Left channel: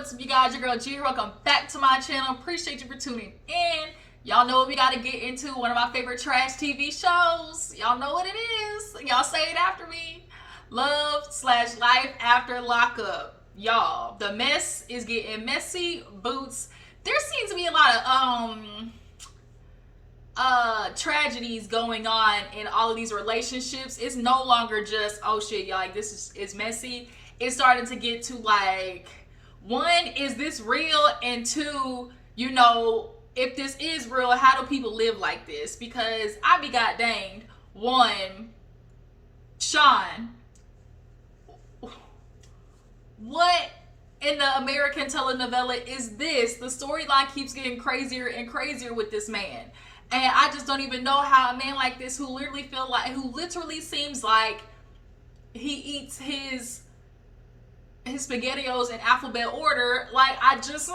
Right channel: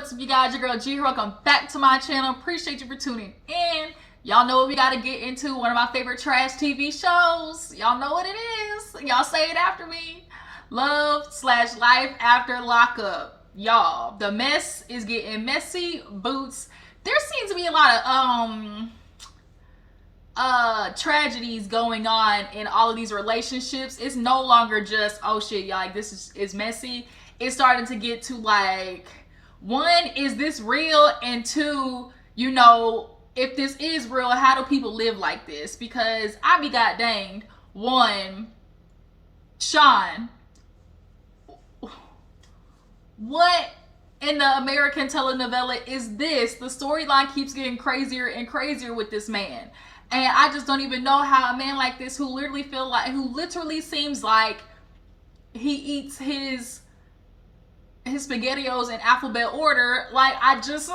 what's up, you guys? Your girl G here. Welcome back to my channel. Appreciate you for tuning in. Y'all know what we gotta get into. One of my favorite trash TV shows. Y'all know what it is. Y'all say it after me. Love/Life After Lockup. Y'all, the mess is getting messy. Boots. There seems to be a lot of tragedies going on in all of these relationships. It's no longer just, oh shit, y'all, like this is messy. It's starting to get to like, one, is this real? And two, you know, if this is real, how do people live like this? Because I be god danged. One, Shawn, what in the American telenovela is this? The storyline keeps getting crazier and crazier with this man. And I just don't even know how a man like this, who literally seems like he eats his SpaghettiOs in alphabet order. Like, I just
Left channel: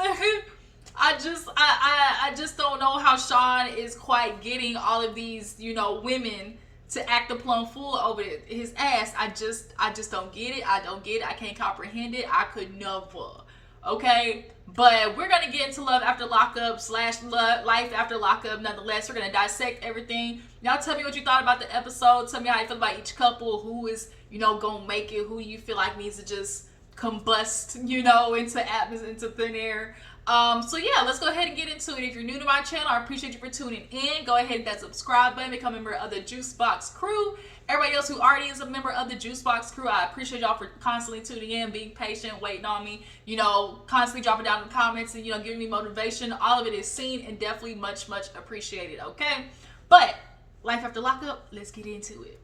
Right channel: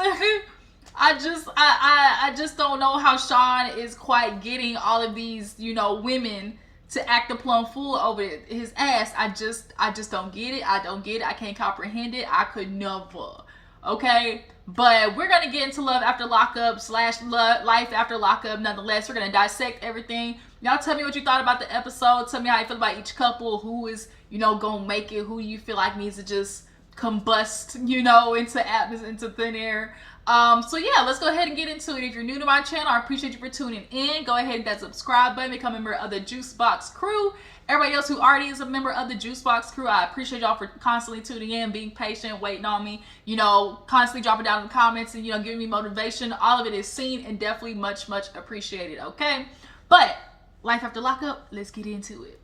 don't know how Shawn is quite getting all of these, you know, women to act the plumb fool over his ass. I just don't get it. I don't get it. I can't comprehend it. I could never. Okay? But we're gonna get into Love After Lockup / Life After Lockup. Nonetheless, we're gonna dissect everything. Y'all tell me what you thought about the episode. Tell me how you feel about each couple. Who is, you know, gonna make it? Who you feel like needs to just combust, you know, into thin air. So yeah, let's go ahead and get into it. If you're new to my channel, I appreciate you for tuning in. Go ahead and hit that subscribe button, become a member of the Juice Box crew. Everybody else who already is a member of the Juice Box crew, I appreciate y'all for constantly tuning in, being patient, waiting on me, you know, constantly dropping down in the comments and, you know, giving me motivation. All of it is seen and definitely much appreciated, okay? But Life After Lockup, let's get into it.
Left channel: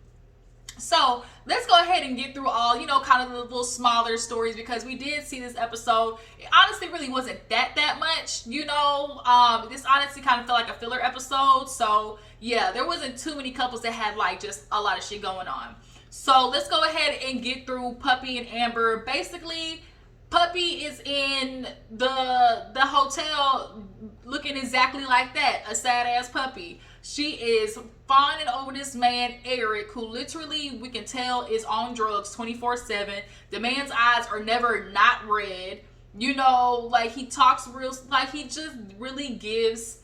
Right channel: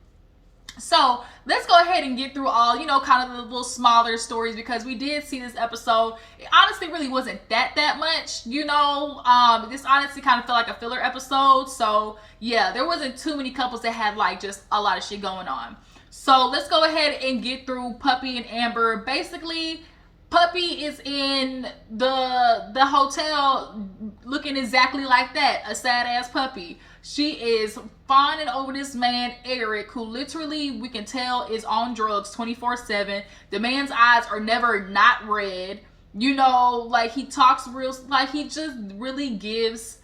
So let's go ahead and get through all, you know, kind of the little smaller stories, because we did see this episode. It honestly really wasn't that much, you know. This honestly kind of felt like a filler episode. So yeah, there wasn't too many couples that had like just a lot of shit going on. So let's go ahead and get through Puppy and Amber. Basically, Puppy is in the hotel looking exactly like that, a sad ass puppy. She is fawning over this man, Eric, who literally, we can tell, is on drugs 24/7. The man's eyes are never not red. You know, like, he talks real, like, he just really gives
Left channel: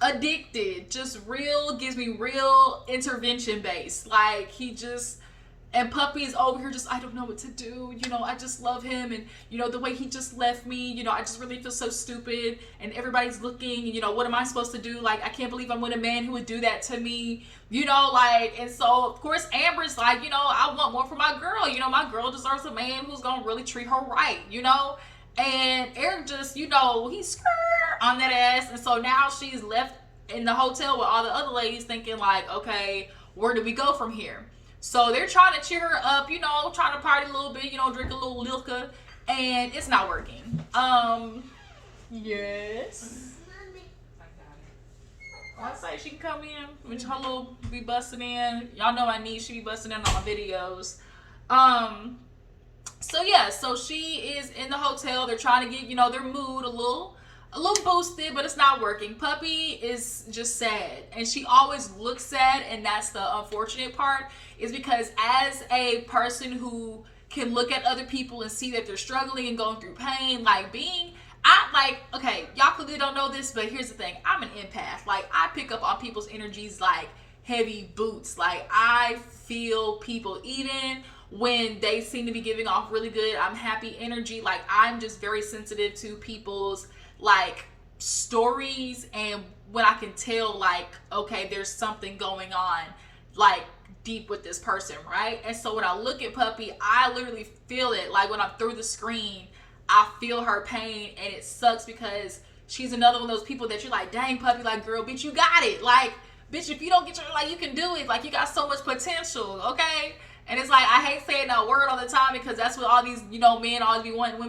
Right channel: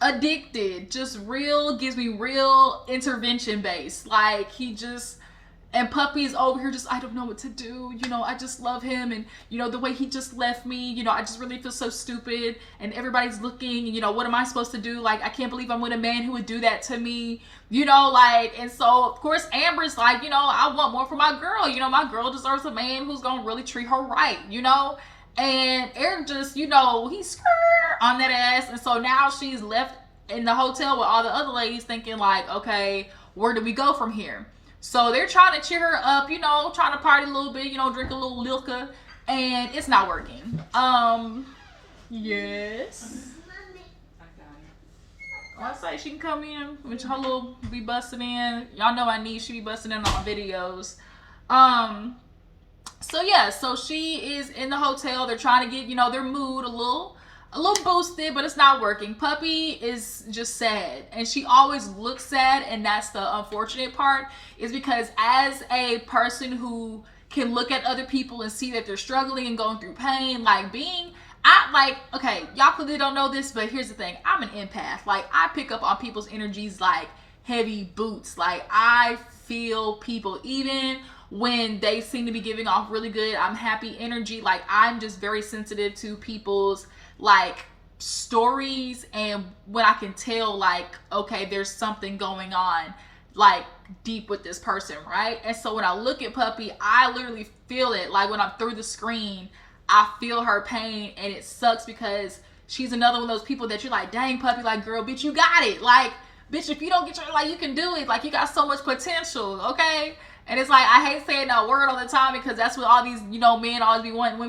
addicted. Just real, gives me real intervention based. Like, he just... And Puppy's over here just, I don't know what to do. You know, I just love him. And, you know, the way he just left me, you know, I just really feel so stupid. And everybody's looking, you know, what am I supposed to do? Like, I can't believe I'm with a man who would do that to me. You know, like, and so, of course, Amber's like, you know, I want more for my girl. You know, my girl deserves a man who's going to really treat her right, you know? And Eric just, you know, he's on that ass. And so now she's left in the hotel with all the other ladies thinking like, okay, where do we go from here? So they're trying to cheer her up, you know, trying to party a little bit, you know, drink a little liquor, and it's not working. Yes. I say she can come in, which her little be busting in. Y'all know I need, she be busting in on my videos. So yeah, so she is in the hotel. They're trying to get, you know, their mood a little boosted, but it's not working. Puppy is just sad, and she always looks sad, and that's the unfortunate part, is because as a person who can look at other people and see that they're struggling and going through pain, okay, y'all clearly don't know this, but here's the thing, I'm an empath. Like, I pick up on people's energies like heavy boots. Like, I feel people even when they seem to be giving off really good, I'm happy energy. Like, I'm just very sensitive to people's like stories, and when I can tell like, okay, there's something going on like deep with this person, right? And so when I look at Puppy, I literally feel it. Like, when I'm through the screen, I feel her pain, and it sucks because she's another one of those people that you're like, dang, Puppy, like, girl, bitch, you got it. Like, bitch, if you don't get your, like, you can do it. Like, you got so much potential, okay? And it's like, I hate saying that word all the time, because that's what all these, you know, men always be wanting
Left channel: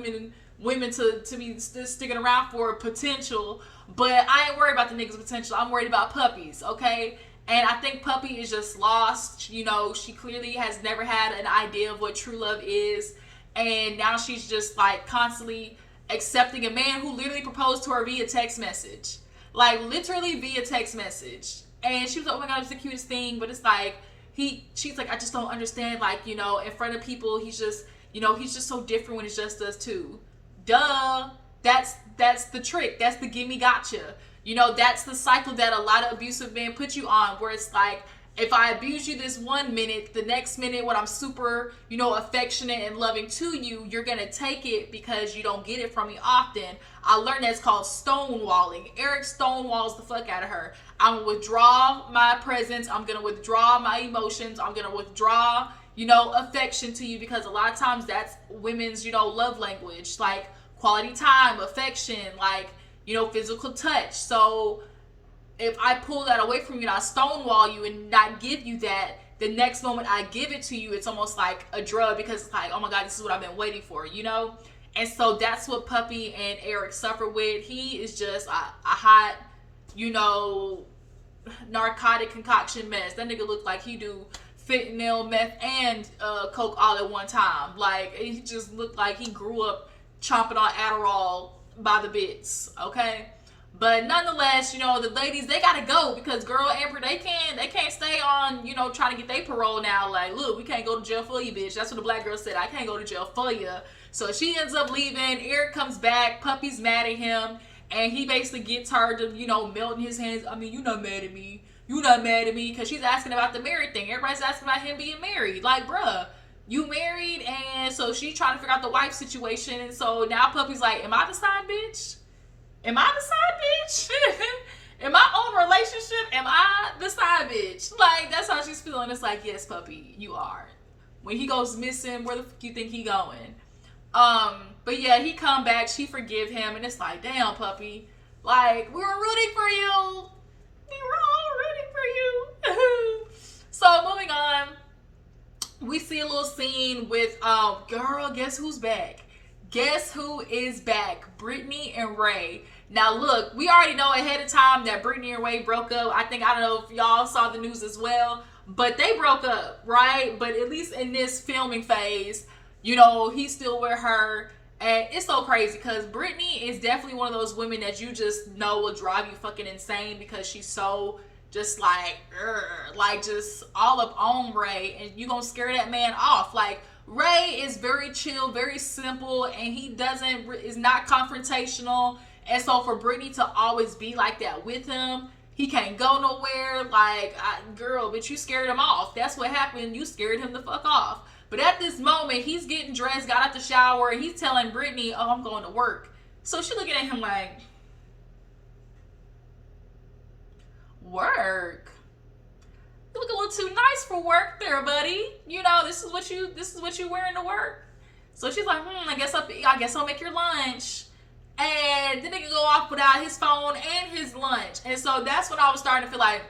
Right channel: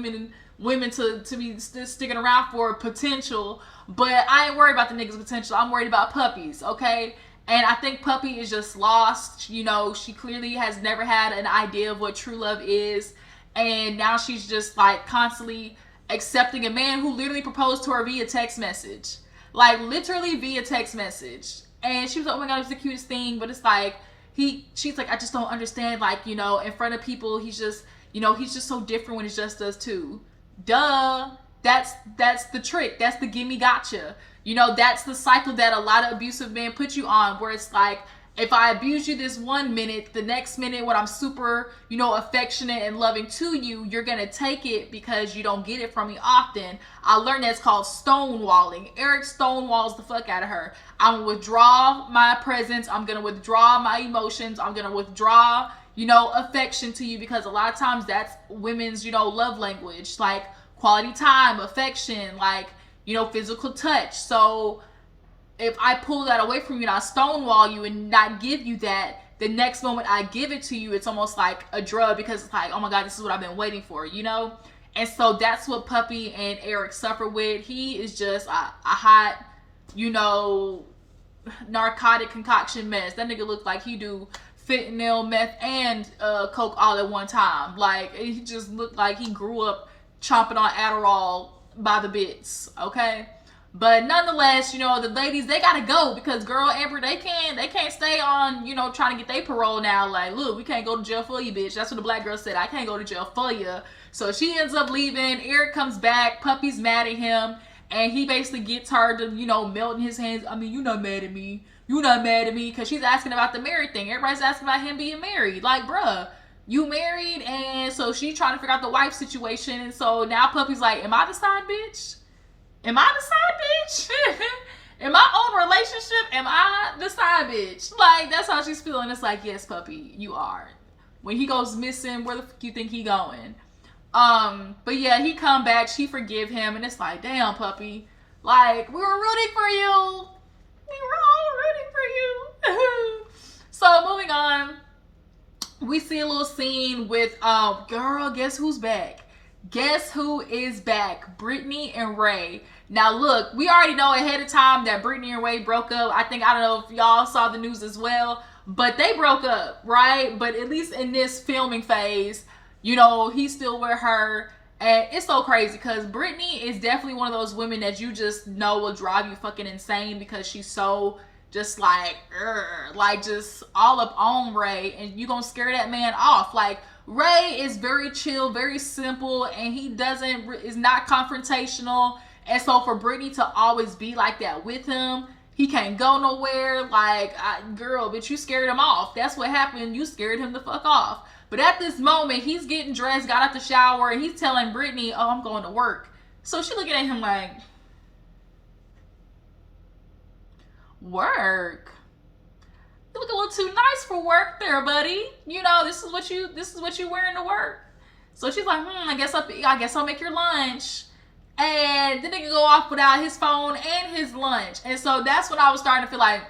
women to be sticking around for potential. But I ain't worried about the niggas' potential. I'm worried about Puppy's, okay? And I think Puppy is just lost. You know, she clearly has never had an idea of what true love is, and now she's just like constantly accepting a man who literally proposed to her via text message. Like, literally via text message. And she was like, oh my god, it was the cutest thing. But it's like, she's like, I just don't understand, like, you know, in front of people, he's just, you know, he's just so different when it's just us two. Duh. That's the trick. That's the gimme gotcha. You know, that's the cycle that a lot of abusive men put you on, where it's like, if I abuse you this 1 minute, the next minute when I'm super, you know, affectionate and loving to you, you're going to take it because you don't get it from me often. I learned that's called stonewalling. Eric stonewalls the fuck out of her. I'm going to withdraw my presence. I'm going to withdraw my emotions. I'm going to withdraw, you know, affection to you, because a lot of times that's women's, you know, love language, like quality time, affection, like, you know, physical touch. So if I pull that away from you and I stonewall you and not give you that, the next moment I give it to you, it's almost like a drug, because it's like, oh my God, this is what I've been waiting for, you know? And so that's what Puppy and Eric suffer with. He is just a hot, you know, narcotic concoction mess. That nigga look like he do fentanyl, meth, and coke all at one time. Like, he just looked like he grew up chomping on Adderall by the bits, okay? But nonetheless, you know, the ladies, they gotta go, because girl, Amber, they can't stay on, you know, trying to get their parole now. Like, look, we can't go to jail for you, bitch. That's what the black girl said. I can't go to jail for you. So she ends up leaving. Eric comes back. Puppy's mad at him, and he basically gets her to, you know, melt in his hands. I mean, you're not mad at me. You're not mad at me, because she's asking about the married thing. Everybody's asking about him being married. Like, bruh, you married? And so she's trying to figure out the wife situation. And so now Puppy's like, am I the side bitch? Am I the side bitch? In my own relationship, am I the side bitch? Like, that's how she's feeling. It's like, yes, Puppy, you are. When he goes missing, where the fuck you think he going? But yeah, he come back, she forgive him, and it's like, damn, Puppy. Like, we were rooting for you. We were all rooting for you. So, moving on. We see a little scene with, girl, guess who's back? Guess who is back? Brittany and Ray. Now look, we already know ahead of time that Brittany and Ray broke up. I don't know if y'all saw the news as well, but they broke up, right? But at least in this filming phase, you know, he's still with her. And it's so crazy, because Brittany is definitely one of those women that you just know will drive you fucking insane, because she's so just like just all up on Ray, and you gonna scare that man off. Like, Ray is very chill, very simple, and he is not confrontational. And so for Brittany to always be like that with him, he can't go nowhere. Like, girl, bitch, you scared him off. That's what happened. You scared him the fuck off. But at this moment, he's getting dressed, got out the shower, and he's telling Brittany, oh, I'm going to work. So she looking at him like, work? You look a little too nice for work there, buddy. You know, this is what you wearing to work. So she's like, I guess I'll make your lunch. And then they can go off without his phone and his lunch. And so that's when I was starting to feel like,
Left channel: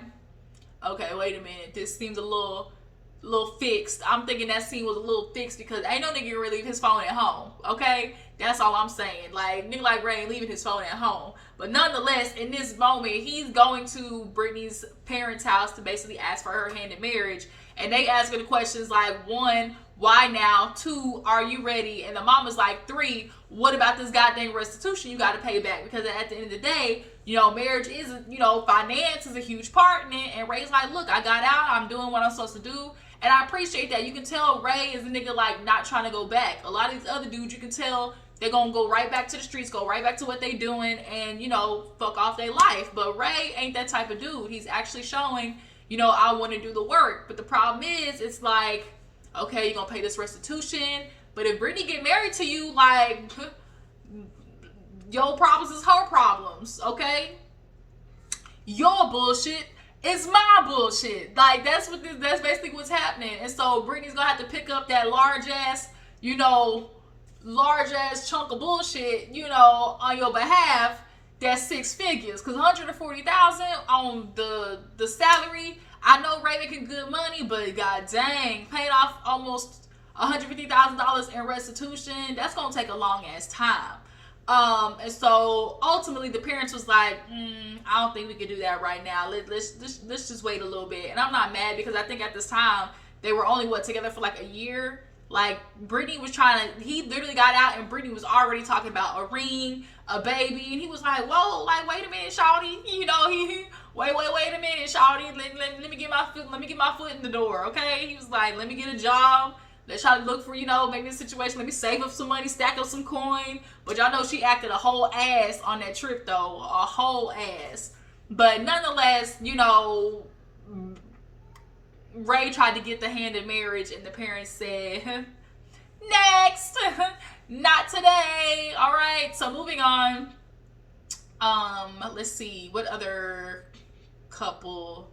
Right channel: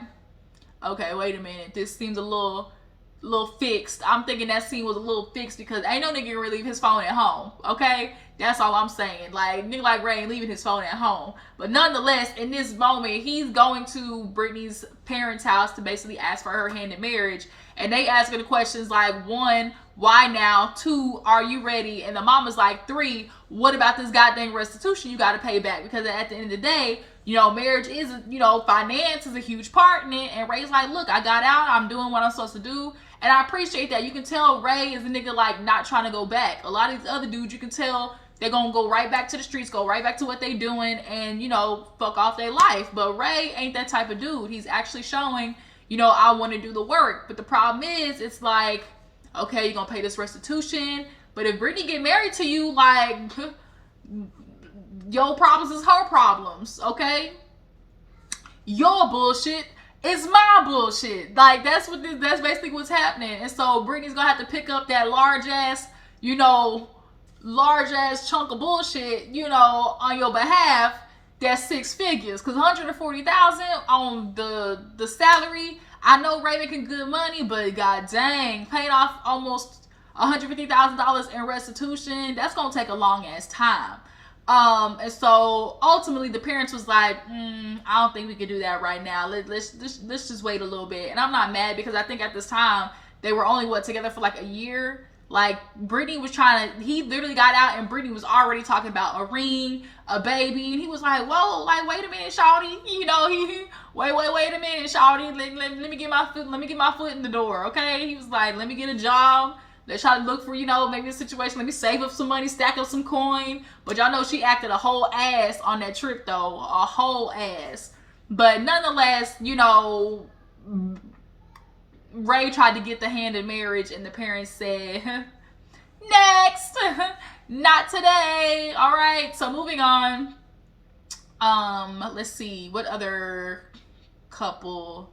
okay, wait a minute, this seems a little fixed. I'm thinking that scene was a little fixed, because ain't no nigga gonna leave his phone at home, okay? That's all I'm saying. Like, nigga like Ray ain't leaving his phone at home. But nonetheless, in this moment, he's going to Brittany's parents' house to basically ask for her hand in marriage. And they ask her the questions like, 1, why now? 2, are you ready? And the mama's like, 3, what about this goddamn restitution you got to pay back? Because at the end of the day, you know, marriage is, you know, finance is a huge part in it. And Ray's like, look, I got out. I'm doing what I'm supposed to do. And I appreciate that. You can tell Ray is a nigga, like, not trying to go back. A lot of these other dudes, you can tell they're going to go right back to the streets, go right back to what they doing, and, you know, fuck off their life. But Ray ain't that type of dude. He's actually showing, you know, I want to do the work. But the problem is, it's like, okay, you're going to pay this restitution. But if Brittany get married to you, like, your problems is her problems, okay? Your bullshit is my bullshit. Like, that's basically what's happening. And so Brittany's going to have to pick up that large ass chunk of bullshit, you know, on your behalf. That's 6 figures, because $140,000 on the salary. I know Ray making good money, but god dang, paying off almost $150,000 in restitution, that's gonna take a long ass time. And so ultimately the parents was like, I don't think we could do that right now. Let's just wait a little bit. And I'm not mad, because I think at this time they were only together for like a year. Like, Brittany was he literally got out, and Brittany was already talking about a ring, a baby, and he was like, whoa, like, wait a minute, shawty, you know, wait a minute, shawty, let me get my foot in the door, okay? He was like, let me get a job, Let's try to look for, maybe a situation. Let me save up some money, stack up some coin. But y'all know she acted a whole ass on that trip, though. A whole ass. But nonetheless, Ray tried to get the hand in marriage, and the parents said, next. Not today. All right. So moving on. Let's see. What other couple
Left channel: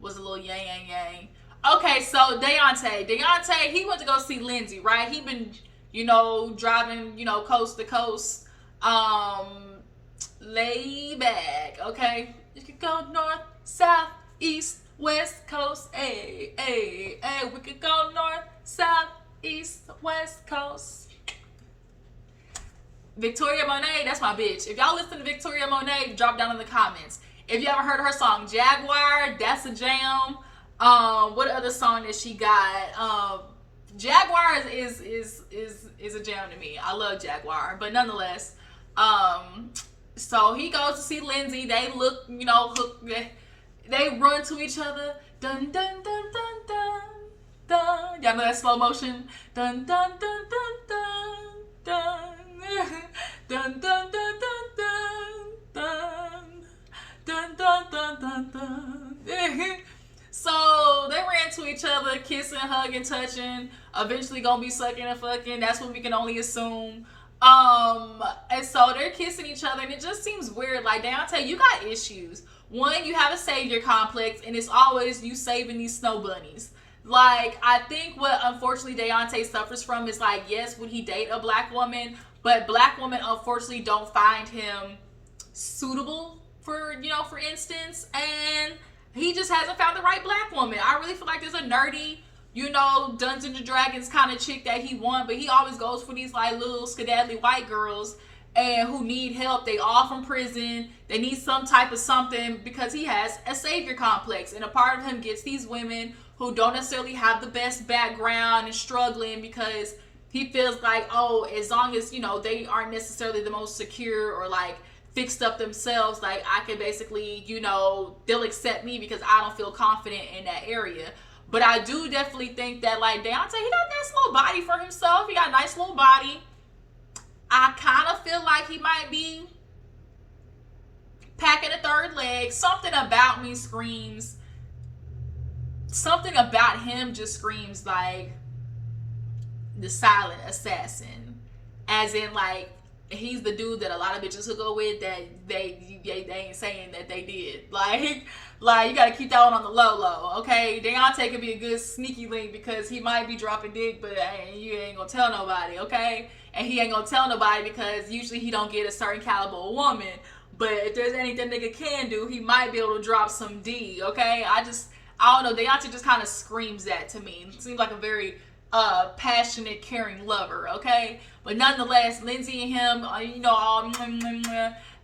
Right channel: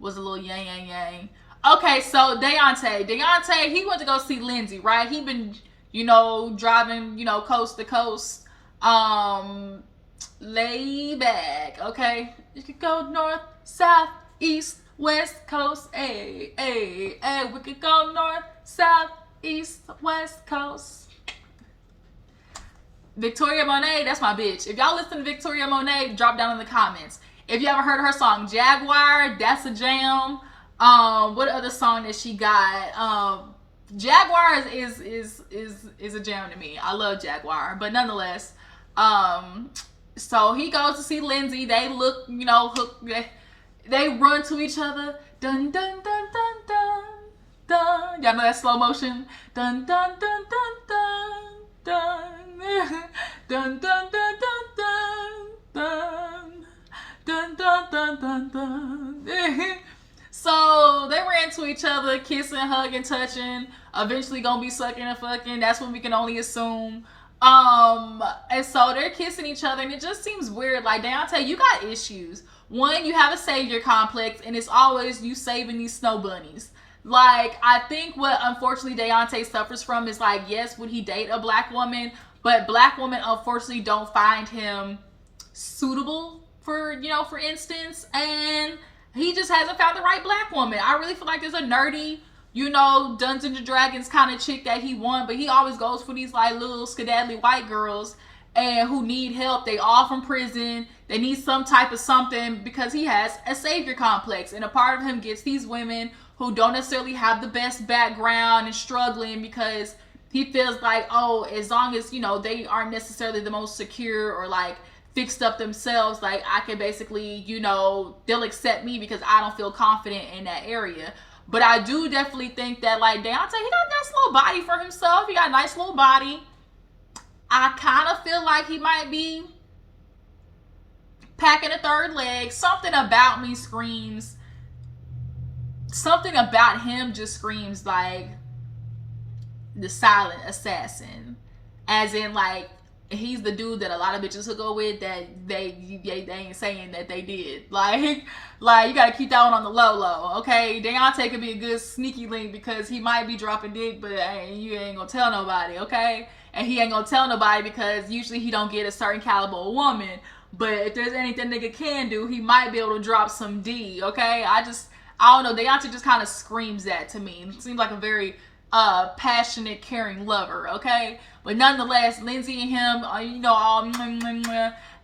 was a little yang. Okay, so Daonte, he went to go see Lindsey, right? He been, driving, coast to coast. Lay back, okay? You could go north, south, east, west coast. Hey, we could go north, south, east, west coast. Victoria Monet, that's my bitch. If y'all listen to Victoria Monet, drop down in the comments. If you ever heard her song Jaguar, that's a jam. What other song that she got? Jaguar is a jam to me. I love Jaguar, but nonetheless, so he goes to see Lindsey. They look, hook. They run to each other. Dun dun dun dun dun dun. Y'all know that slow motion. Dun dun dun dun dun dun. Dun dun dun dun dun dun dun dun dun dun. So they ran to each other, kissing, hugging, touching. Eventually gonna be sucking and fucking. That's what we can only assume. And so they're kissing each other, and it just seems weird. Like, Daonte, you got issues. One, you have a savior complex, and it's always you saving these snow bunnies. Like, I think what unfortunately Daonte suffers from is, like, yes, would he date a black woman? But black women unfortunately don't find him suitable for instance, and he just hasn't found the right black woman. I really feel like there's a nerdy, Dungeons and Dragons kind of chick that he wants, but he always goes for these like little skedaddly white girls and who need help. They all from prison. They need some type of something because he has a savior complex, and a part of him gets these women who don't necessarily have the best background and struggling because he feels like, oh, as long as, they aren't necessarily the most secure or like fixed up themselves, like I can basically, they'll accept me because I don't feel confident in that area. But I do definitely think that like Daonte, he got a nice little body for himself. He got a nice little body. I kind of feel like he might be packing a third leg. Something about me screams, something about him just screams like the silent assassin, as in like he's the dude that a lot of bitches hook up with that they ain't saying that they did. Like you gotta keep that one on the low, okay? Daonte could be a good sneaky link because he might be dropping dick, but you ain't gonna tell nobody, okay? And he ain't gonna tell nobody because usually he don't get a certain caliber of woman. But if there's anything nigga can do, he might be able to drop some D, okay? I don't know. Daonte just kind of screams that to me. It seems like a very passionate, caring lover, okay? But nonetheless, Lindsey and him, all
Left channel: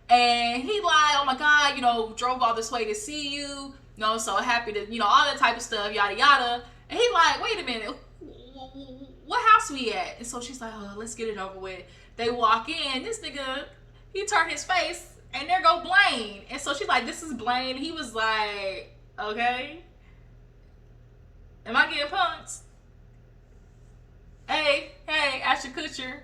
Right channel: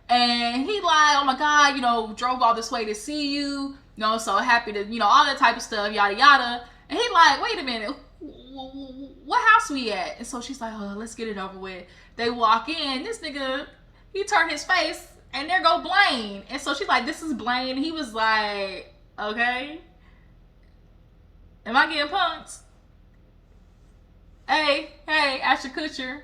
and he like, oh my God, drove all this way to see you, so happy to, all that type of stuff, yada yada. And he like, wait a minute, what house we at? And so she's like, oh, let's get it over with. They walk in, this nigga, he turned his face, and there go Blaine. And so she's like, this is Blaine. He was like, okay, am I getting punked? Hey, Ashton Kutcher.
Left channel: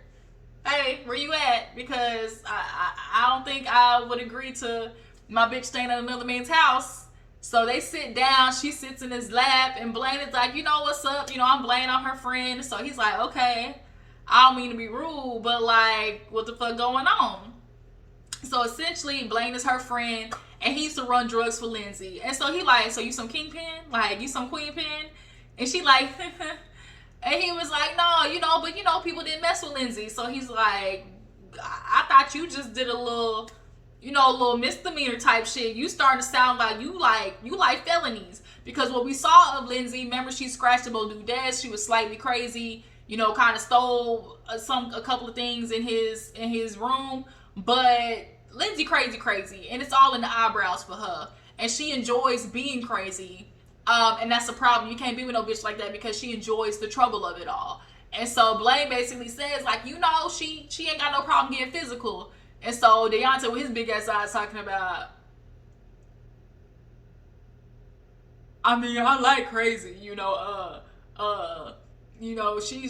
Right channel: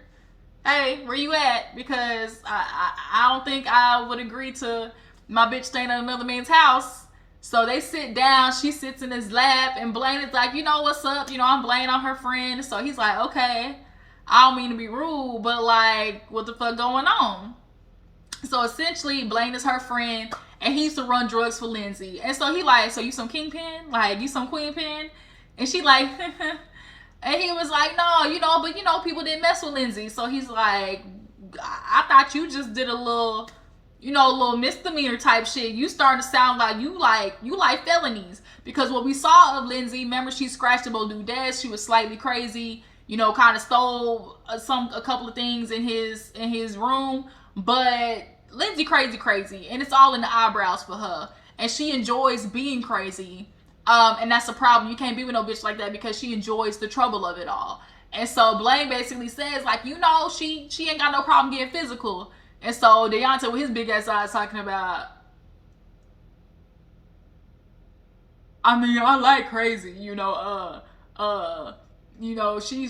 Hey, where you at? Because I don't think I would agree to my bitch staying at another man's house. So they sit down. She sits in his lap. And Blaine is like, what's up? I'm Blaine, I'm her friend. So he's like, okay, I don't mean to be rude, but like, what the fuck going on? So essentially, Blaine is her friend. And he used to run drugs for Lindsey. And so he like, so you some kingpin? Like, you some queen pin? And she like... And he was like, no, but people didn't mess with Lindsey. So he's like, I thought you just did a little misdemeanor type shit. You starting to sound like you like felonies. Because what we saw of Lindsey, remember she scratched the dude's desk. She was slightly crazy, kind of stole a couple of things in his room. But Lindsey crazy. And it's all in the eyebrows for her. And she enjoys being crazy. And that's a problem. You can't be with no bitch like that because she enjoys the trouble of it all. And so Blaine basically says, like, she ain't got no problem getting physical. And so Daonte with his big ass eyes talking about, I mean, I like crazy, you know, she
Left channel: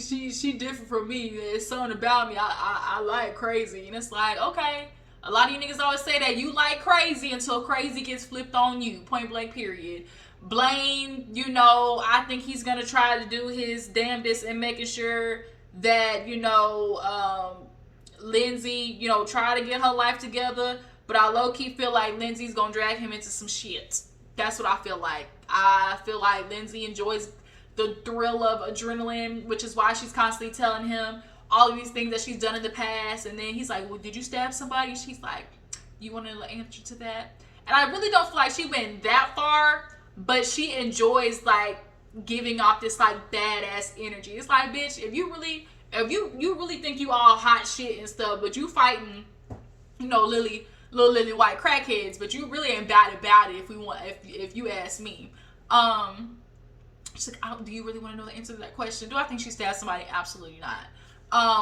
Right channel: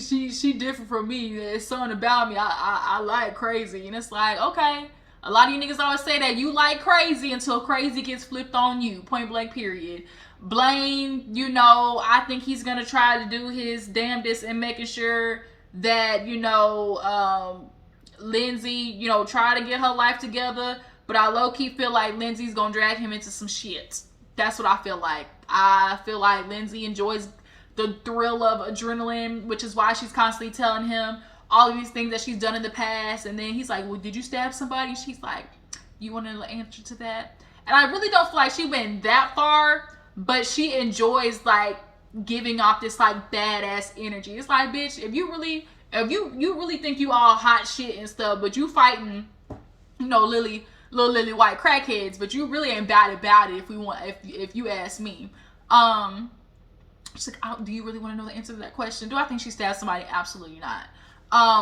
different from me. There's something about me. I like crazy. And it's like, okay. A lot of you niggas always say that you like crazy until crazy gets flipped on you. Point blank, period. Blaine, you know, I think he's going to try to do his damnedest in making sure that, you know, Lindsey, you know, try to get her life together. But I low-key feel like Lindsey's going to drag him into some shit. That's what I feel like. I feel like Lindsey enjoys the thrill of adrenaline, which is why she's constantly telling him all of these things that she's done in the past. And then he's like, well, did you stab somebody? She's like, you want to answer to that? And I really don't feel like she went that far, but she enjoys like giving off this like badass energy. It's like, bitch, if you really think you all hot shit and stuff, but you fighting, you know, little lily white crackheads, but you really ain't bad about it if you ask me. She's like, do you really want to know the answer to that question? Do I think she stabbed somebody? Absolutely not.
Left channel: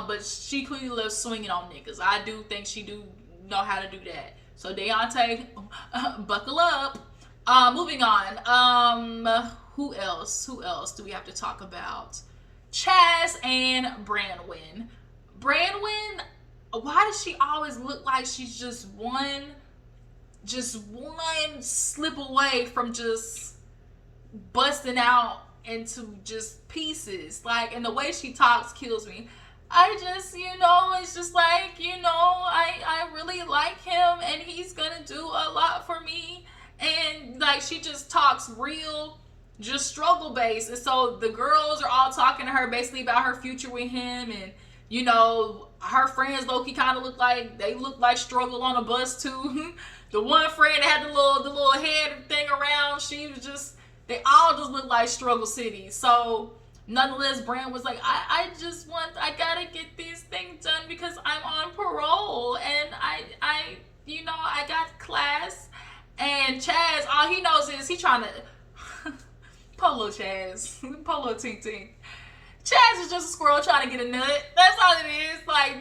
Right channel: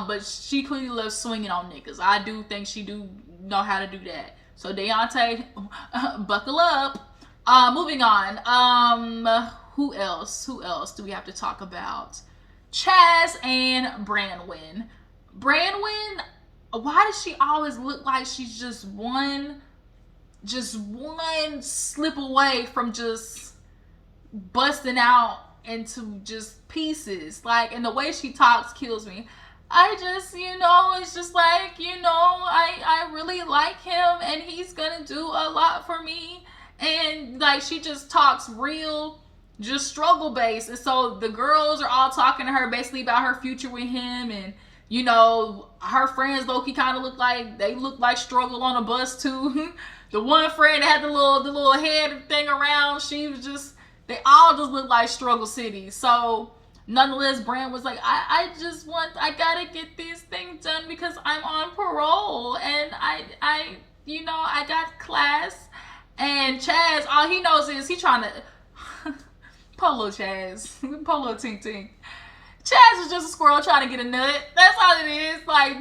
But she clearly loves swinging on niggas. I do think she do know how to do that. So Daonte, buckle up. Moving on. Who else do we have to talk about? Chazz and Branwin. Branwin, why does she always look like she's just one slip away from just busting out into just pieces? Like, and the way she talks kills me. I just, you know, it's just like, you know, I really like him and he's gonna do a lot for me. And like, she just talks real, just struggle based. And so the girls are all talking to her basically about her future with him. And, you know, her friends low-key kind of look like struggle on a bus too. The one friend that had the little head thing around, they all just look like struggle city. So nonetheless, Brand was like, I gotta get these things done because I'm on parole and I you know, I got class. And Chazz, all he knows is he trying to Polo Chazz, Polo Tink Tink. Chazz is just a squirrel trying to get a nut. That's all it is. Like,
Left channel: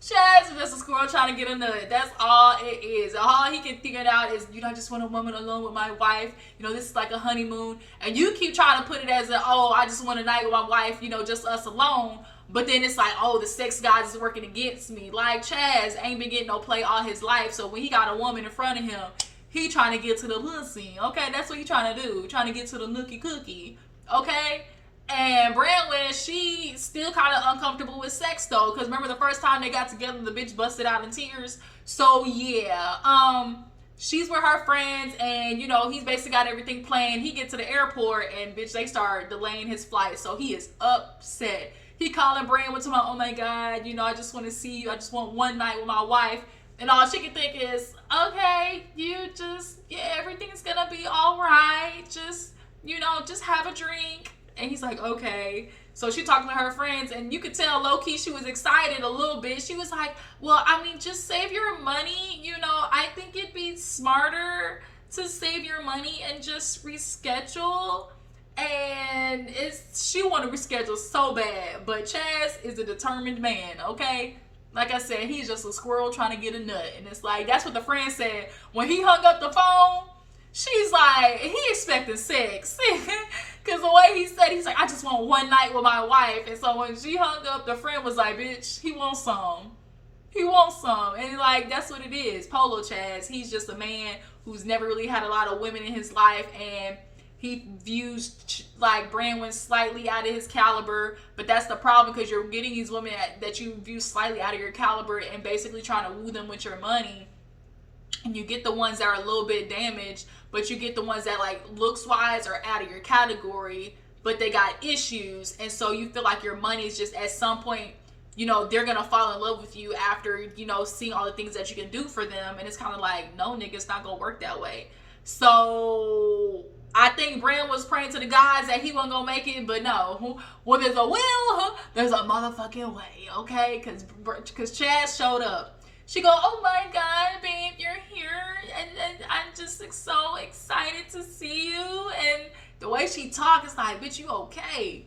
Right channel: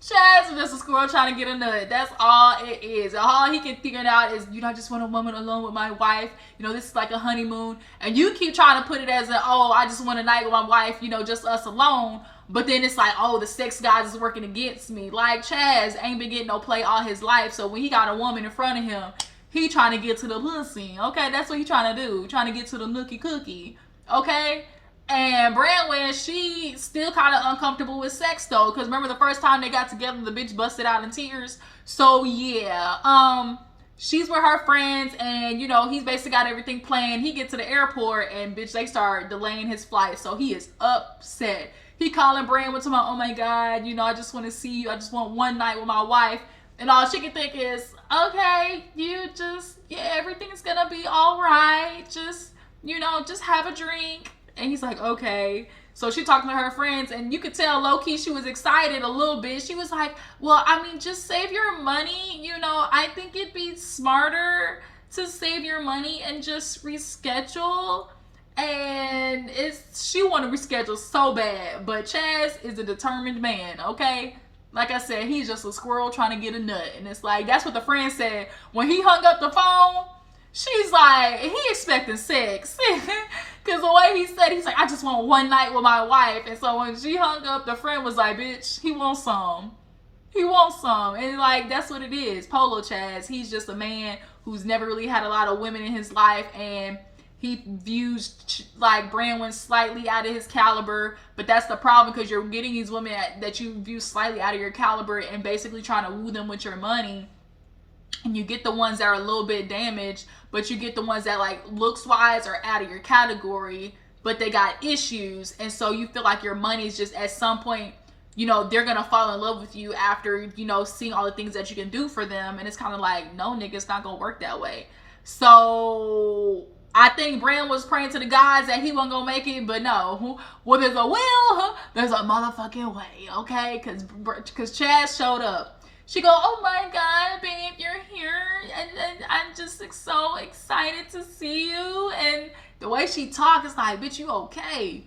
Chazz is just a squirrel trying to get a nut. That's all it is. All he can figure out is, you know, I just want a woman alone with my wife. You know, this is like a honeymoon. And you keep trying to put it as I just want a night with my wife, you know, just us alone. But then it's like, the sex gods is working against me. Like, Chazz ain't been getting no play all his life. So when he got a woman in front of him, he trying to get to the pussy. Okay, that's what he trying to do. Trying to get to the nookie cookie. Okay? And Branwin, she still kind of uncomfortable with sex though, because remember the first time they got together, the bitch busted out in tears. So yeah, she's with her friends, and you know he's basically got everything planned. He gets to the airport, and bitch, they start delaying his flight, so he is upset. He calling Branwin to my, oh my god, you know, I just want to see you. I just want one night with my wife, and all she can think is, okay, everything's gonna be all right. Just, you know, just have a drink. And he's like, okay. So she talking to her friends, and you could tell low-key she was excited a little bit. She was like, well, I mean, just save your money. You know, I think it'd be smarter to save your money and just reschedule. And she want to reschedule so bad. But Chazz is a determined man, okay? Like I said, he's just a squirrel trying to get a nut. And it's like, that's what the friend said. When he hung up the phone, she's like, he expecting sex. Because the way he said, he's like, I just want one night with my wife. And so when she hung up, the friend was like, bitch, he wants some. He wants some. And like, that's what it is. Polo Chazz, he's just a man who's never really had a lot of women in his life. And he views like Branwin slightly out of his caliber. But that's the problem, because you're getting these women that you view slightly out of your caliber and basically trying to woo them with your money. And you get the ones that are a little bit damaged, but you get the ones that like looks wise are out of your category, but they got issues. And so you feel like your money's just at some point, you know, they're going to fall in love with you after, you know, seeing all the things that you can do for them. And it's kind of like, no, nigga, it's not going to work that way. So I think Brand was praying to the gods that he wasn't going to make it, but no. Well, there's a will, there's a motherfucking way, okay? Because Chazz showed up. She go, oh my god, babe, you're here, and I'm just so excited to see you. And the way she talks is like, bitch, you okay?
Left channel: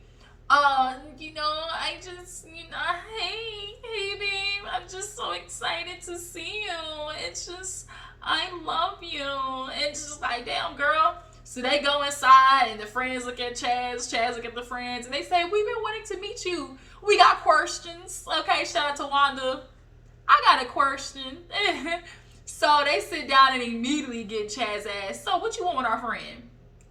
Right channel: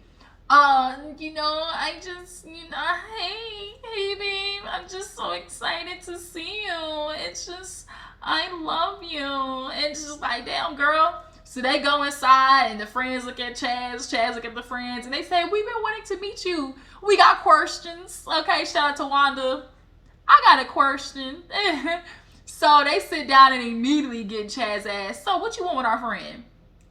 You know, I just, you know, hey, babe, I'm just so excited to see you. It's just, I love you. And it's just like, damn, girl. So they go inside, and the friends look at Chazz. Chazz look at the friends, and they say, we've been wanting to meet you. We got questions. Okay, shout out to Wanda. I got a question. So they sit down and immediately get Chazz asked, so what you want with our friend?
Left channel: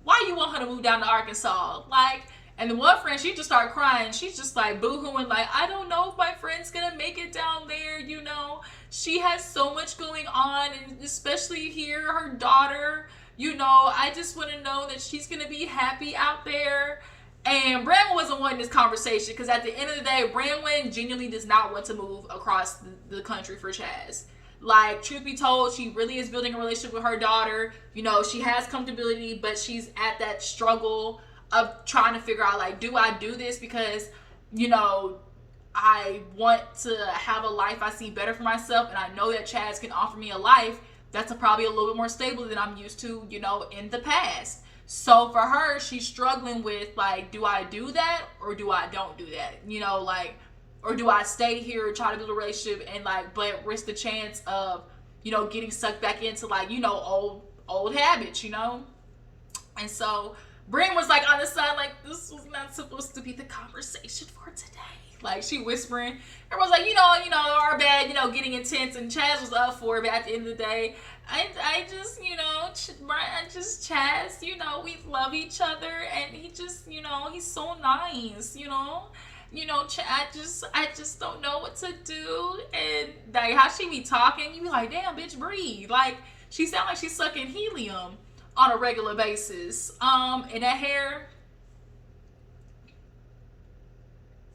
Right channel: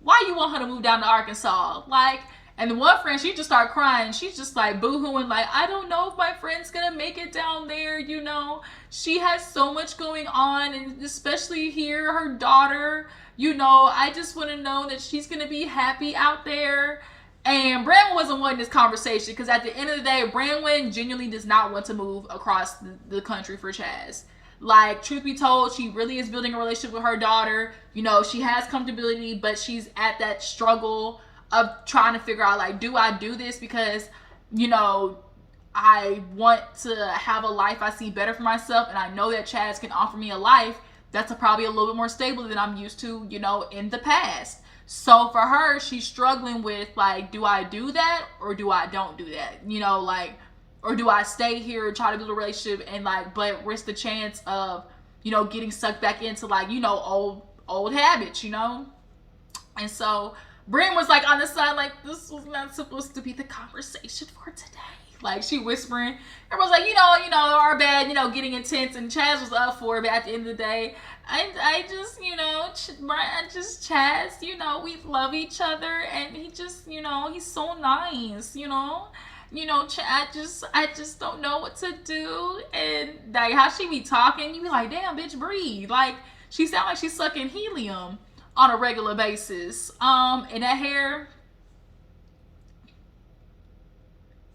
Why you want her to move down to Arkansas? Like, and the one friend, she just started crying. She's just like boo-hooing, like, I don't know if my friend's gonna make it down there, you know. She has so much going on, and especially here, her daughter, you know, I just want to know that she's gonna be happy out there. And Branwin wasn't wanting this conversation, because at the end of the day, Branwin genuinely does not want to move across the country for Chazz. Like, truth be told, she really is building a relationship with her daughter. You know, she has comfortability, but she's at that struggle of trying to figure out, like, do I do this because, you know, I want to have a life I see better for myself, and I know that Chazz can offer me a life that's probably a little bit more stable than I'm used to, you know, in the past. So for her, she's struggling with, like, do I do that or do I don't do that? You know, like, or do I stay here and try to build a relationship and, like, but risk the chance of, you know, getting sucked back into, like, you know, old habits, you know? And so Brim was, like, on the side, like, this was not supposed to be the conversation for today. Like, she whispering. Everyone's like, you know, our bad, you know, getting intense. And Chazz was up for it, but at the end of the day, I just, you know, Chazz, you know, we love each other. And he just, you know, he's so nice, you know. You know, I just don't know what to do. And, like, how she be talking, you be like, damn, bitch, breathe. Like, she sound like she's sucking helium on a regular basis. And that hair,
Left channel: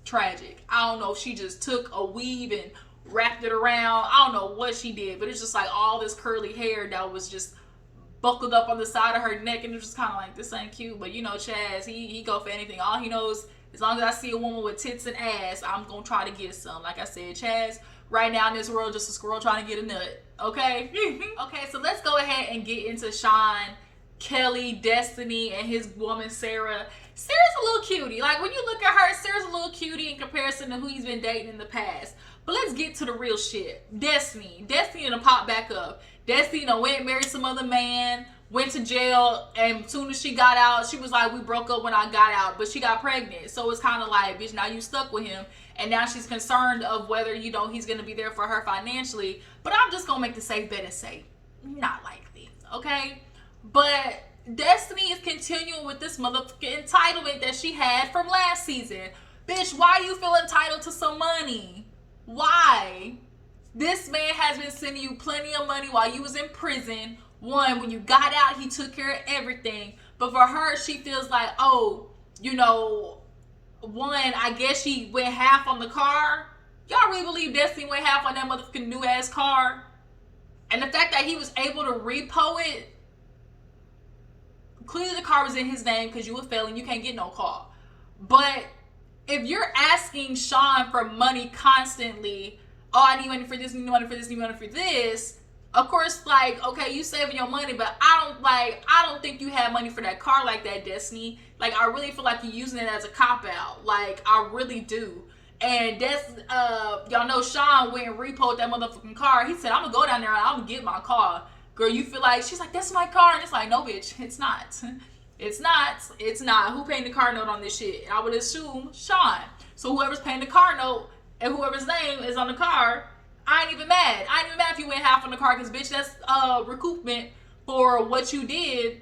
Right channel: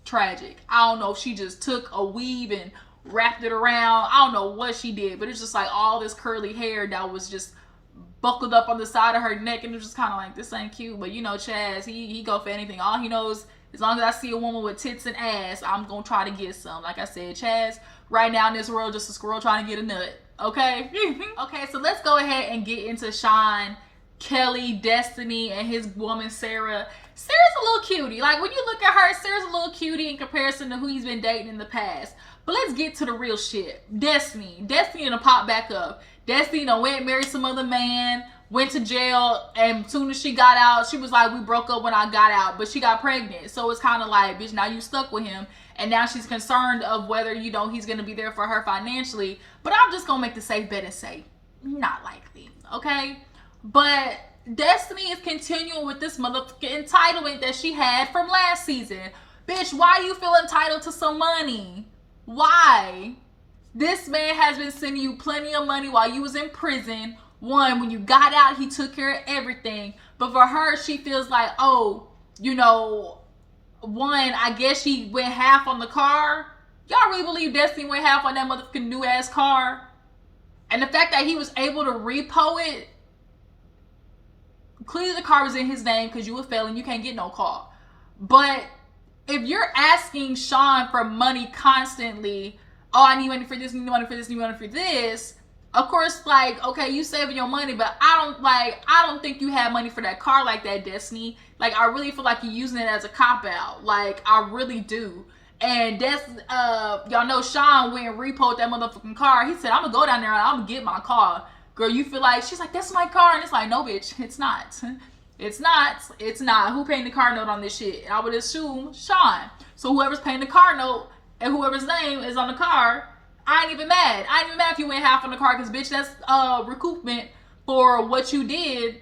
tragic. I don't know if she just took a weave and wrapped it around. I don't know what she did, but it's just like all this curly hair that was just buckled up on the side of her neck, and it was just kind of like, this ain't cute. But you know, Chazz, he go for anything. All he knows, as long as I see a woman with tits and ass, I'm gonna try to get some. Like I said, Chazz, right now in this world, just a squirrel trying to get a nut. Okay? Okay, so let's go ahead and get into Shawn, Kelly, Destiny, and his woman, Sarah. Sarah's a little cutie. Like, when you look at her, Sarah's a little cutie in comparison to who he's been dating in the past. But let's get to the real shit. Destiny done pop back up. Destiny done went and married some other man, went to jail, and as soon as she got out, she was like, we broke up when I got out, but she got pregnant. So it's kind of like, bitch, now you stuck with him, and now she's concerned of whether, you know, he's going to be there for her financially. But I'm just going to make the safe bet and say, not likely, okay? But Destiny is continuing with this motherfucking entitlement that she had from last season. Bitch, why do you feel entitled to some money? Why? This man has been sending you plenty of money while you was in prison. One, when you got out, he took care of everything. But for her, she feels like, oh, you know, one, I guess she went half on the car. Y'all really believe Destiny went half on that motherfucking new ass car? And the fact that he was able to repo it, clearly the car was in his name because you a felon, you can't get no car. But if you're asking Shawn for money constantly, oh, I need money for this, need money for this, need money for this, of course, like, okay, you saving your money, but I don't think you had money for that car like that, Destiny. Like, I really feel like you're using it as a cop-out. Like, I really do. And that's, y'all know Shawn went and repoed that motherfucking car. He said, I'm gonna go down there and I'm gonna get my car. Girl, you feel like, she's like, that's my car. And it's like, no, bitch, it's not. It's not. It's not. Who paying the car note on this shit? And I would assume Shawn. So whoever's paying the car note and whoever's name is on the car, I ain't even mad. I ain't even mad if you went half on the car, because, bitch, that's recoupment for what you did,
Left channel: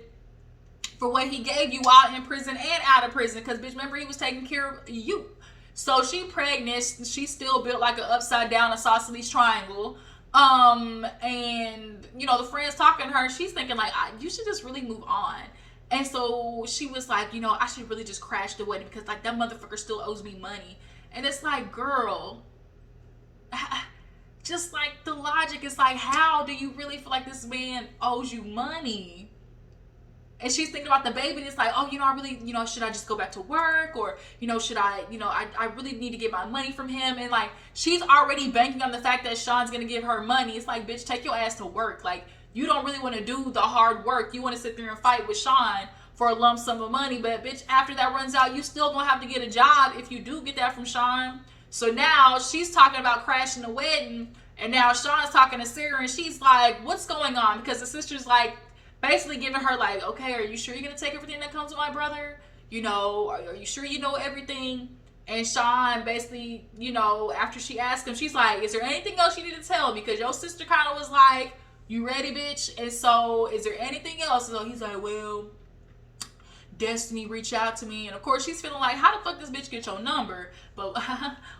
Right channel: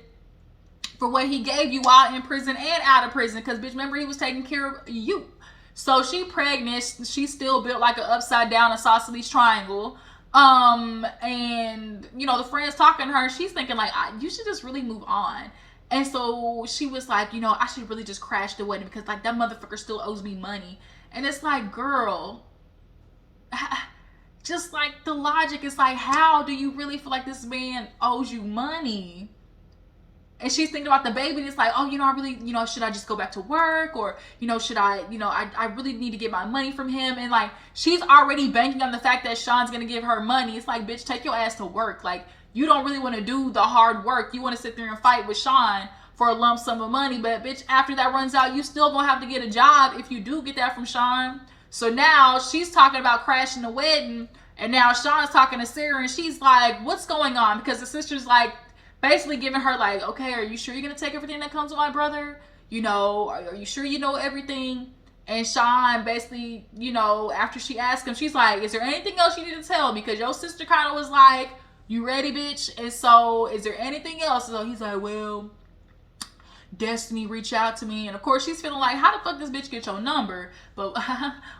for what he gave you while in prison and out of prison. Because, bitch, remember, he was taking care of you. So she pregnant. She's still built like an upside down isosceles triangle. And, you know, the friend's talking to her. She's thinking, like, you should just really move on. And so she was like, you know, I should really just crash the wedding because, like, that motherfucker still owes me money. And it's like, girl, just like the logic is like, how do you really feel like this man owes you money? And she's thinking about the baby, and it's like, oh, you know, I really, you know, should I just go back to work? Or, you know, should I, you know, I really need to get my money from him. And, like, she's already banking on the fact that Shawn's going to give her money. It's like, bitch, take your ass to work. Like, you don't really want to do the hard work. You want to sit there and fight with Shawn for a lump sum of money. But, bitch, after that runs out, you still going to have to get a job if you do get that from Shawn. So now she's talking about crashing the wedding. And now Shawn's talking to Sarah, and she's like, what's going on? Because the sister's like, basically giving her like, okay, are you sure you're gonna take everything that comes with my brother? You know, are you sure you know everything? And Shawn basically, you know, after she asked him, she's like, is there anything else you need to tell? Because your sister kind of was like, you ready, bitch? And so, is there anything else? So he's like, well, Destinie reached out to me. And of course, she's feeling like, how the fuck this bitch get your number? But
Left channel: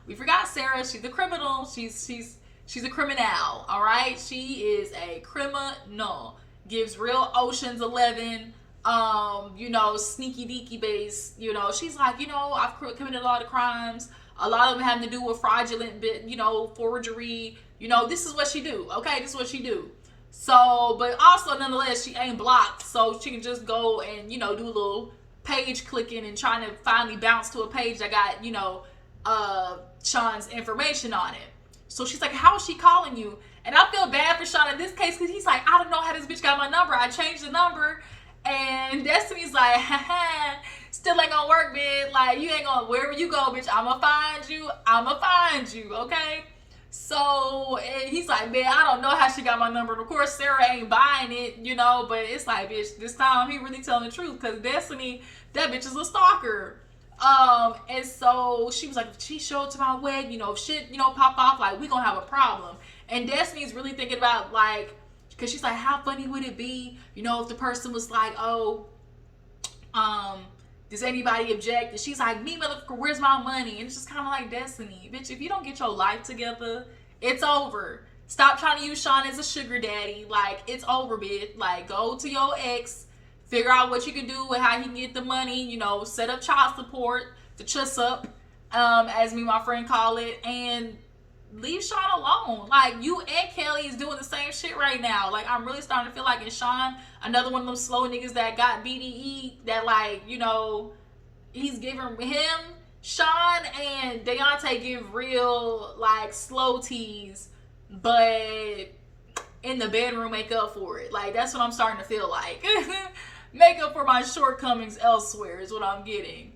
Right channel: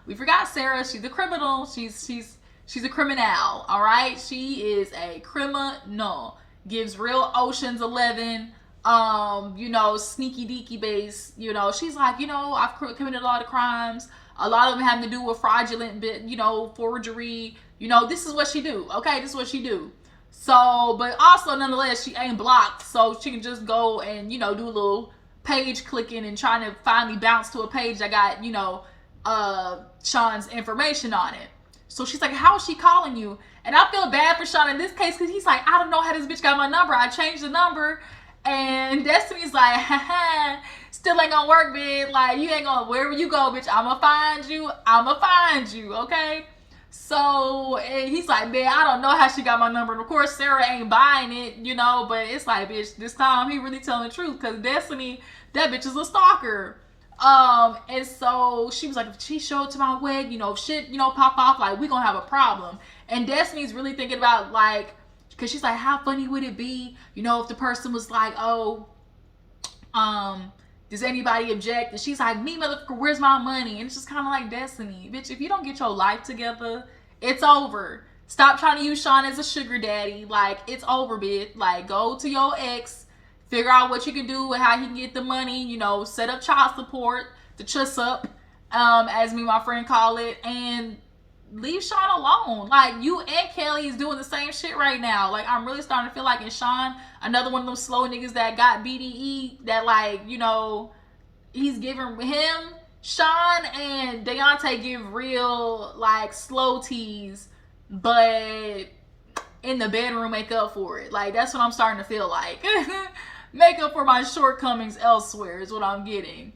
we forgot Sarah. She's a criminal. She's a criminal, all right? She is a criminal. Gives real Ocean's 11, you know, sneaky deaky base. You know, she's like, you know, I've committed a lot of crimes. A lot of them having to do with fraudulent, you know, forgery. You know, this is what she do. Okay, this is what she do. So, but also nonetheless, she ain't blocked, so she can just go and, you know, do a little page clicking and trying to finally bounce to a page that got, you know, Shawn's information on it. So she's like, how is she calling you? And I feel bad for Shawn in this case because he's like, I don't know how this bitch got my number. I changed the number. And Destiny's like, haha, still ain't gonna work, bitch. Like, you ain't gonna, wherever you go, bitch, I'ma find you. I'ma find you, okay? So, and he's like, man, I don't know how she got my number. And of course, Sarah ain't buying it, you know, but it's like, bitch, this time he really telling the truth because Destinie, that bitch is a stalker. And so she was like, if she showed to my wedding, you know, if shit, you know, pop off, like, we gonna have a problem. And Destiny's really thinking about, like, because she's like, how funny would it be, you know, if the person was like, oh, does anybody object? And she's like, me, motherfucker, where's my money? And it's just kind of like, Destinie, bitch, if you don't get your life together, it's over. Stop trying to use Shawn as a sugar daddy. Like, it's over, bitch. Like, go to your ex, figure out what you can do and how he can get the money, you know, set up child support, the Chazz, as me and my friend call it, and leave Shawn alone. Like, you and Kelly is doing the same shit right now. Like, I'm really starting to feel like in Shawn, another one of them slow niggas that got BDE, that, like, you know, he's giving him, Shawn and Daonte give real, like, slow teas, but in the bedroom make up for it. Like, that's what I'm starting to feel like. Make up for my shortcomings elsewhere is what I'm getting.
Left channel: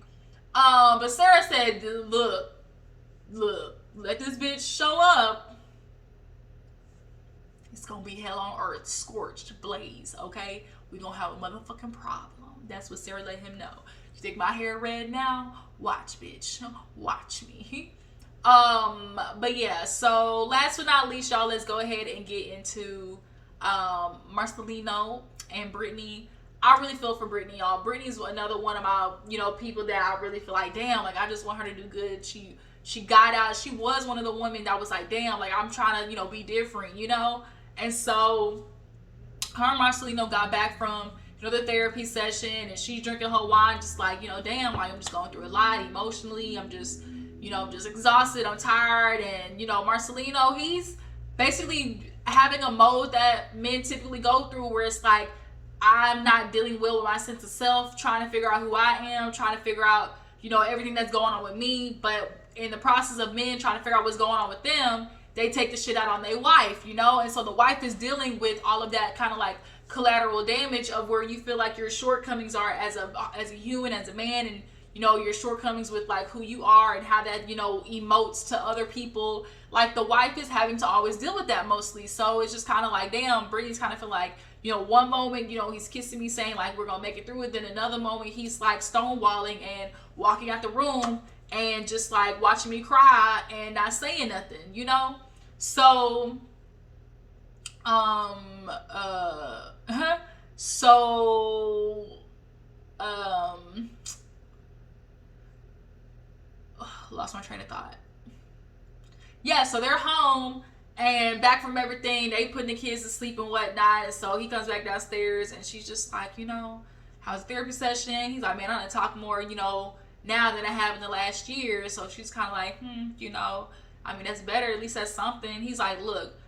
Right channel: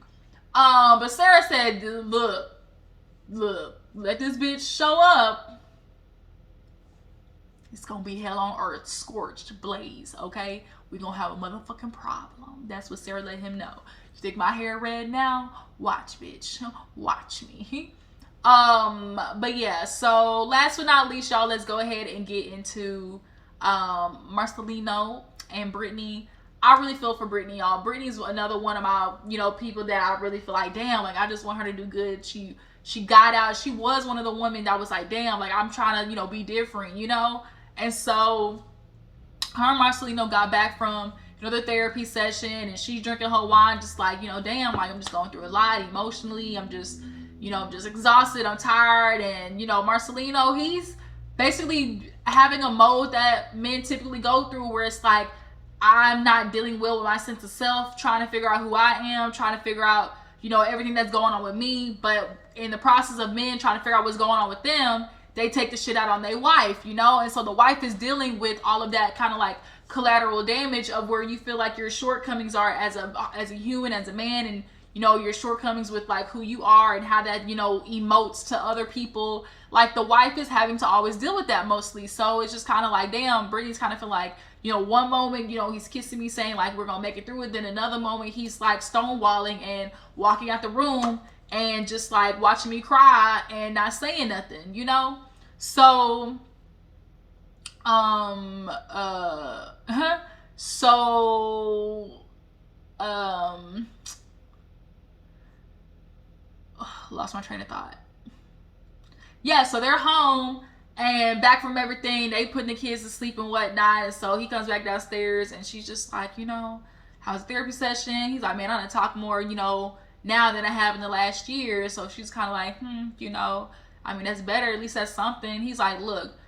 But Sarah said, look, let this bitch show up. It's gonna be hell on earth, scorched blaze, okay? We gonna have a motherfucking problem. That's what Sarah let him know. You think my hair red now? Watch, bitch. Watch me. But yeah, so last but not least, y'all, let's go ahead and get into Marcelino and Brittany. I really feel for Brittany, y'all. Brittany's another one of my, you know, people that I really feel like, damn, like, I just want her to do good. She got out. She was one of the women that was like, damn, like, I'm trying to, you know, be different, you know? And so her and Marcelino got back from, you know, the therapy session, and she's drinking her wine, just like, you know, damn, like, I'm just going through a lot emotionally. I'm just, you know, I'm just exhausted. I'm tired. And, you know, Marcelino, he's basically having a mode that men typically go through where it's like, I'm not dealing well with my sense of self, trying to figure out who I am, trying to figure out, you know, everything that's going on with me. But in the process of men trying to figure out what's going on with them, they take the shit out on their wife, you know? And so the wife is dealing with all of that kind of like collateral damage of where you feel like your shortcomings are as a human, as a man, and, you know, your shortcomings with like who you are and how that, you know, emotes to other people. Like, the wife is having to always deal with that mostly. So it's just kind of like, damn, Brittany's kind of feel like, you know, one moment, you know, he's kissing me saying like, we're gonna make it through it. Then another moment he's like stonewalling and walking out the room and just like watching me cry and not saying nothing, you know? So, lost my train of thought. Yeah, so they're home and back from everything. They putting the kids to sleep and whatnot. And so he comes back downstairs and she's just like, you know, how's the therapy session? He's like, man, I'm gonna talk more, you know, now than I have in the last year. So she's kind of like, you know, I mean, that's better. At least that's something. He's like, look,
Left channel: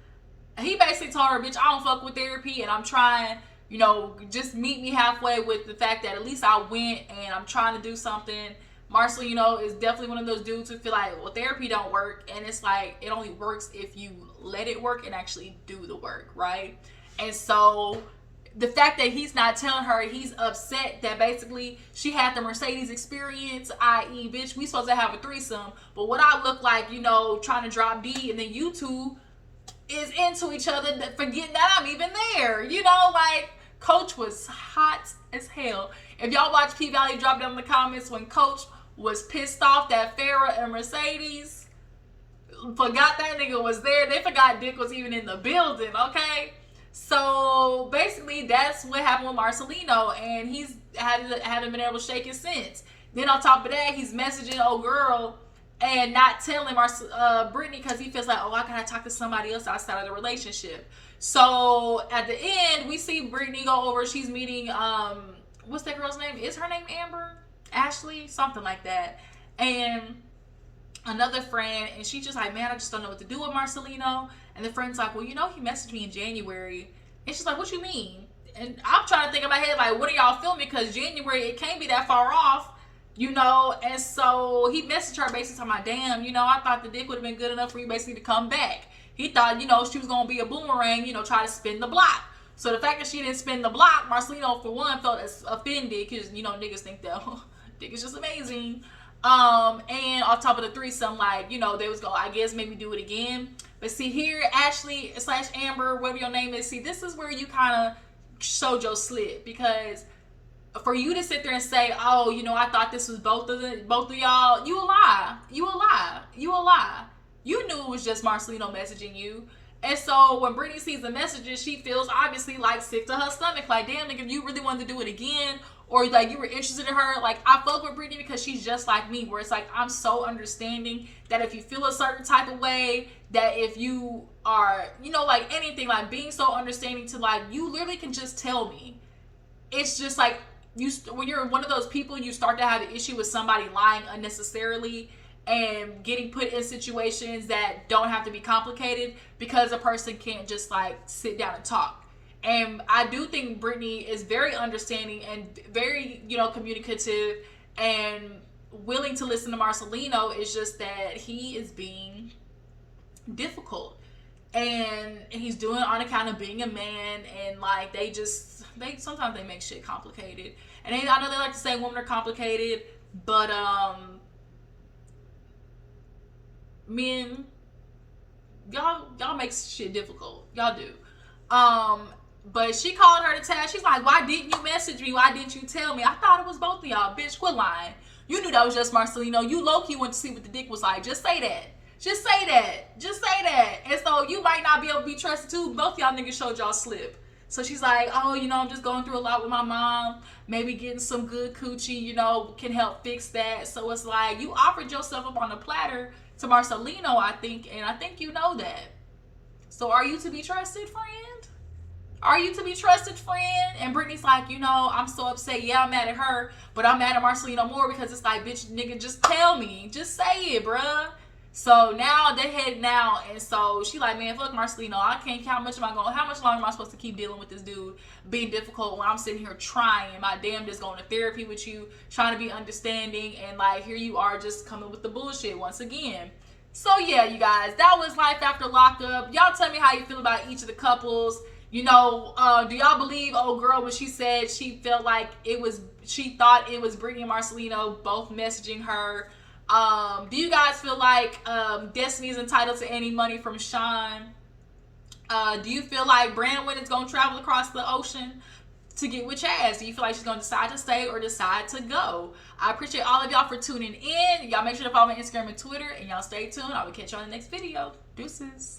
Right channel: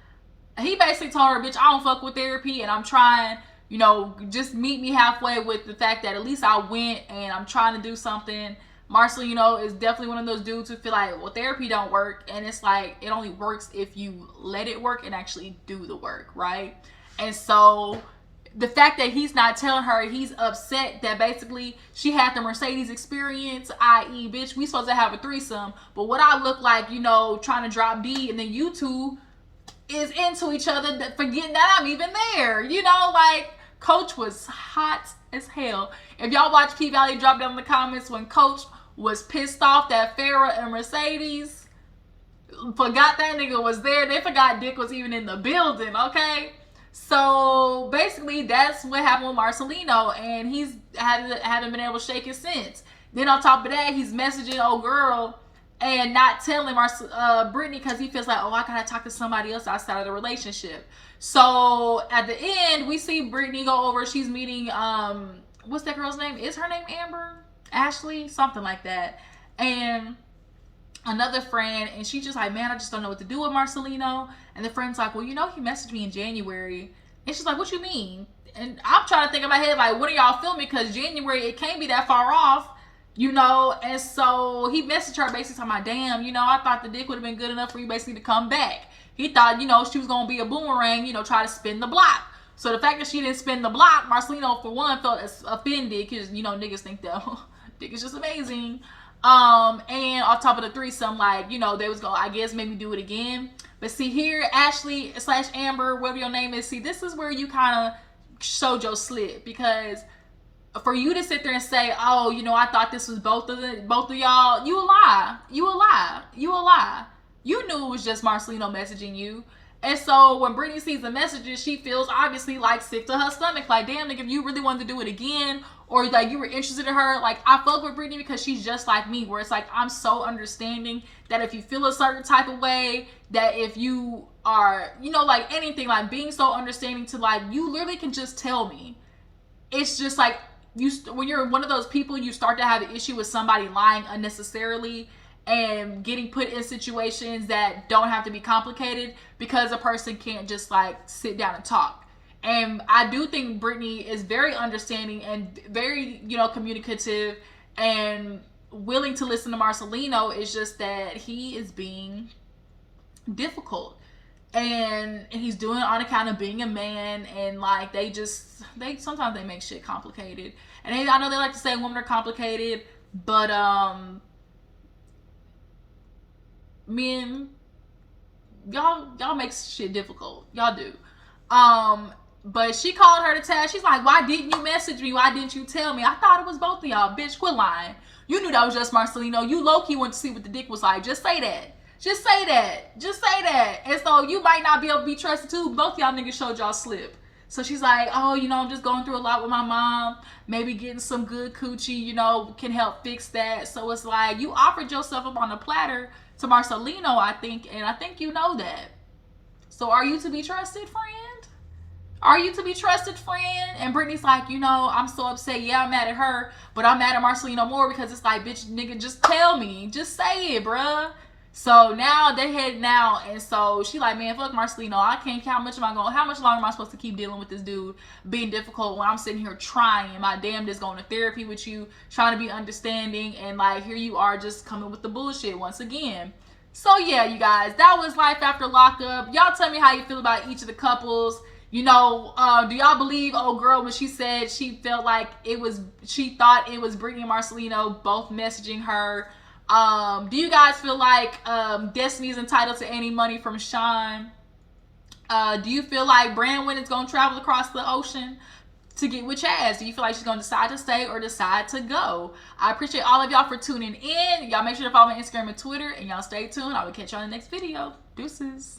he basically told her, bitch, I don't fuck with therapy and I'm trying, you know, just meet me halfway with the fact that at least I went and I'm trying to do something. Marcel, you know, is definitely one of those dudes who feel like, well, therapy don't work. And it's like, it only works if you let it work and actually do the work, right? And so the fact that he's not telling her, he's upset that basically she had the Mercedes experience, i.e., bitch, we supposed to have a threesome. But what I look like, you know, trying to drop D, and then you two is into each other, forgetting that I'm even there, you know, like, Coach was hot as hell. If y'all watch P Valley, drop down in the comments when Coach was pissed off that Farrah and Mercedes forgot that nigga was there. They forgot Dick was even in the building, okay? So basically, that's what happened with Marcelino, and he's hadn't been able to shake it since. Then on top of that, he's messaging old girl and not telling Brittany because he feels like, oh, I gotta talk to somebody else outside of the relationship. So at the end, we see Brittany go over. She's meeting what's that girl's name? Is her name Amber? Ashley? Something like that. And another friend, and she's just like, man, I just don't know what to do with Marcelino. And the friend's like, well, you know, he messaged me in January. And she's like, what you mean? And I'm trying to think in my head, like, what are y'all filming? Because January, it can't be that far off, you know? And so he messaged her basically talking about, damn, you know, I thought the dick would have been good enough for you basically to come back. He thought, you know, she was going to be a boomerang, you know, try to spin the block. So the fact that she didn't spin the block, Marcelino, for one, felt offended because, you know, niggas think that dick is just amazing. And on top of the threesome, like, you know, they was gonna, I guess, maybe do it again. But see here, Ashley / Amber, whatever your name is, see, this is where you kind of showed your slip, because for you to sit there and say, oh, you know, I thought this was both of y'all, you a lie. You knew it was just Marcelino messaging you. And so when Brittany sees the messages, she feels obviously like sick to her stomach. Like, damn, nigga, if you really wanted to do it again, or like you were interested in her, like, I fuck with Brittany because she's just like me, where it's like, I'm so understanding that if you feel a certain type of way, that if you are, you know, like anything, like being so understanding to like, you literally can just tell me. It's just like, when you're one of those people, you start to have an issue with somebody lying unnecessarily and getting put in situations that don't have to be complicated because a person can't just like sit down and talk. And I do think Brittany is very understanding and very, you know, communicative and willing to listen to Marcelino. It's just that he is being difficult. And he's doing it on account of being a man. And like, sometimes they make shit complicated. And I know they like to say women are complicated, but men, y'all make shit difficult. Y'all do. But she called her to task. She's like, why didn't you message me? Why didn't you tell me? I thought it was both of y'all. Bitch, quit lying. You knew that was just Marcelino. You low-key went to see what the dick was like. Just say that. Just say that. Just say that. And so you might not be able to be trusted too. Both y'all niggas showed y'all slip. So she's like, oh, you know, I'm just going through a lot with my mom. Maybe getting some good coochie, you know, can help fix that. So it's like, you offered yourself up on a platter to Marcelino, I think. And I think you know that. So are you to be trusted, friend? Are you to be trusted, friend? And Brittany's like, you know, I'm so upset. Yeah, I'm mad at her, but I'm mad at Marcelino more because it's like, bitch, nigga, just tell me. Just say it, bruh. So now they heading out, and so she like, man, fuck Marcelino. I can't count how much longer am I supposed to keep dealing with this dude being difficult when I'm sitting here trying my damnedest, going to therapy with you, trying to be understanding, and like, here you are just coming with the bullshit once again. So yeah, you guys, that was life after Lockup. Y'all tell me how you feel about each of the couples. You know, do y'all believe old girl when she said she felt like she thought it was Brittany and Marcelino both messaging her? Do you guys feel like Destiny is entitled to any money from Shawn? Do you feel like Branwin is going to travel across the ocean to get with Chazz? Do you feel like she's going to decide to stay or decide to go? I appreciate all of y'all for tuning in. Y'all make sure to follow me on Instagram and Twitter, and y'all stay tuned. I will catch y'all in the next video. Deuces.